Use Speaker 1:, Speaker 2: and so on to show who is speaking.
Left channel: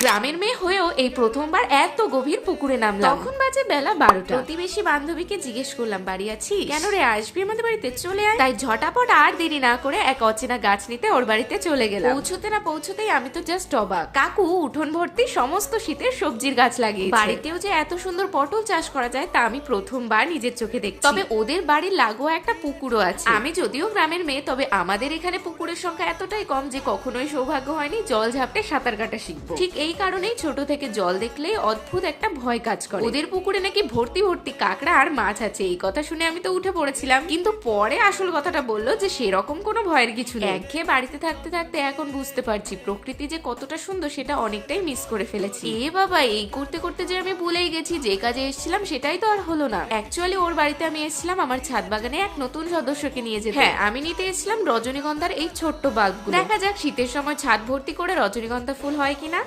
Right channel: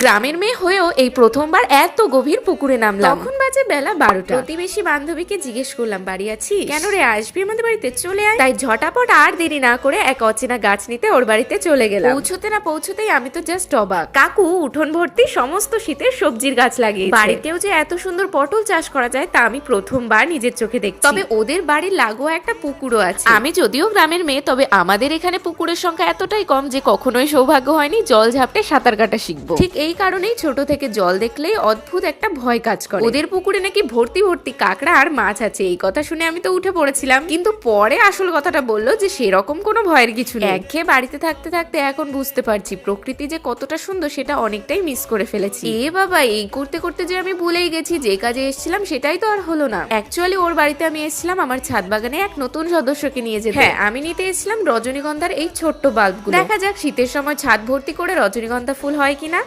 Speaker 1: গ্রামের মেয়ে হয়েও এই প্রথমবার এত গভীর পুকুরে নামলাম।
Speaker 2: তখন বাজে বেলা বারোটা। প্রতিবেশী বান্ধবীকে জিজ্ঞেস করলাম বাড়ি আছি কেন রে আসবি আমাদের বাড়িতে? চলে আয়। তাই ঝটাপট আর দেরি না করে এক অচেনা গাছ নিতে ওর বাড়িতে চলে গেলাম। পৌঁছতে না পৌঁছতেই আমি তো জাস্ট অবাক। কাকু উঠোন ভর্তি সমস্ত শীতের সবজির গাছ লাগিয়ে বাড়িতেও যে এত সুন্দর পটল চাষ করা যায় তা আমি প্রথমবার নিজের চোখে দেখি তবে ওদের বাড়ির লাগোয়া একটা পুকুরও আছে।
Speaker 1: আমি যদিও গ্রামের মেয়ে তবে আমাদের এখানে পুকুরের সংখ্যা এতটাই কম যে কখনোই সৌভাগ্য হয়নি জল ঝাপটে সাঁতার কাটা শিখব। ঠিক এই কারণেই ছোট থেকে জল দেখলেই অদ্ভুত একটা ভয় কাজ করে। ওদের পুকুরে নাকি ভর্তি ভর্তি কাঁকড়া আর মাছ আছে, এই কথা শুনে আমি তো উঠে পড়েছিলাম। কিন্তু পরে আসল কথাটা বলল যে সেরকম কোনো ভয়ের কিছু নেই। একঘেয়ে বাড়িতে থাকতে থাকতে এখন বুঝতে পারছি, প্রকৃতি যে কতটা সুন্দর সেটা অনেকটাই মিস করে ফেলেছি। এ বাবা, এই করতে করতে যে আমি ভুলেই গেছি, যে কাজে এসেছিলাম সেটাই তো আর হলো না। অ্যাকচুয়ালি ওর বাড়িতে আমি এসেছিলাম আমার ছাদ বাগানে এক নতুন সদস্যকে নিয়ে যেতে।
Speaker 2: হ্যাঁ আমি নিতে এসেছিলাম রজনীগন্ধার এই ছোট্ট বাল্বগুলো।
Speaker 1: দেখা যাক শীতের সময় ছাদ ভর্তি করে রজনীগন্ধা ফুল হয় কিনা।